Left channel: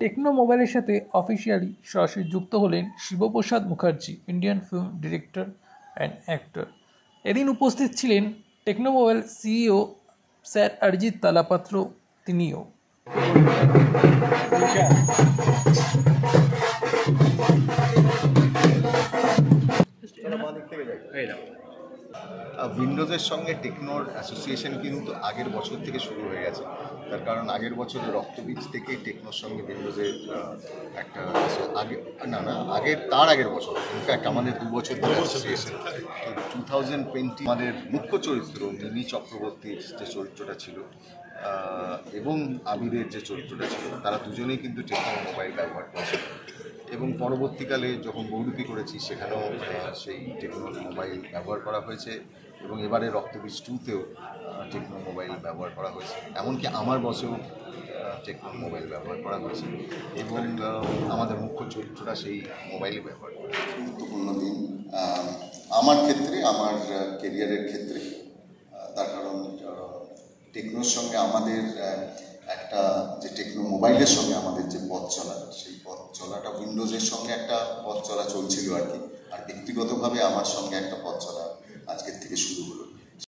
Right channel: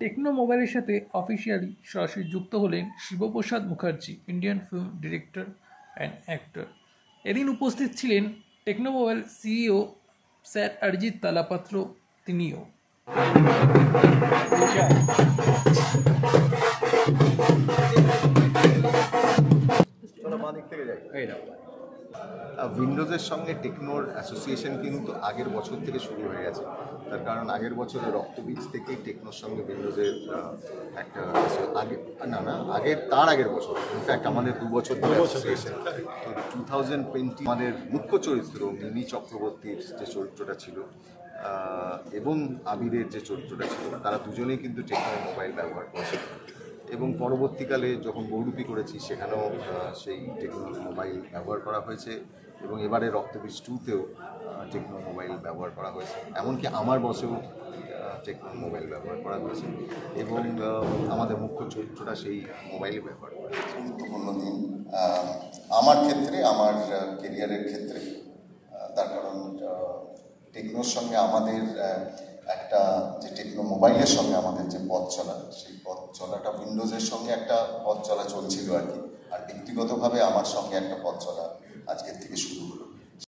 Techno মোবাইলের সাথে officially সরাসরি যুক্ত হলেন Shiboprosad Mukherjee, Indian film director and actor. এদিন উপস্থিত ছিলেন Tecno mobile CEO sir Arijit Talapatra, তিনিও। উইন্ডোজের সঙ্গে টেকনোর অ্যাসোসিয়েশন কিন্তু আগের বছর থেকে শুরু হয়ে গেছে। তার কারণ আগের বছরে রক্তবীজ থেকেই টেকনোর সঙ্গে উইন্ডোজের একটা তার আগের বছর ইনফ্যাক্ট আমাদের 2 বছর ধরে অ্যাসোসিয়েশন। তো 2020 আমাদের মুখ্য চরিত্র মিমি চক্রবর্তীর যে চরিত্রটা ছিল এবং আবিরের যে চরিত্রটা ছিল, তারা দুজনেই কিন্তু টেকনো মোবাইল ব্যবহার করেছে। এবং পরবর্তীকালে যখন বহুরূপী করেছি সেখানেও সেই টেকনো মোবাইল ব্যবহার করা হয়েছে এবং এবারে রক্তবীজ 2তেও টেকনো মোবাইল ব্যবহার করা হয়েছে। এমনকি আমার বসেও টেকনো মোবাইল ব্যবহার করা হয়েছে এবং আমাদের মুখ্য চরিত্রটা সেই মোবাইলে ব্যবহার করে। আমার ক্ষেত্রে, আমার কেরিয়ারের ক্ষেত্রে, তার কারণ টেকনোর সঙ্গে আমাদের একটা যে টেকনো মোবাইলের সঙ্গে আমাদের যে পথ চলা, সেই পথ চলাটা উইন্ডোজের সঙ্গে একটা পথ চলা চলছিল আর কি। আর ব্যক্তিগতভাবে আমার সঙ্গে একটা পথ চলা আজকের থেকে শুরু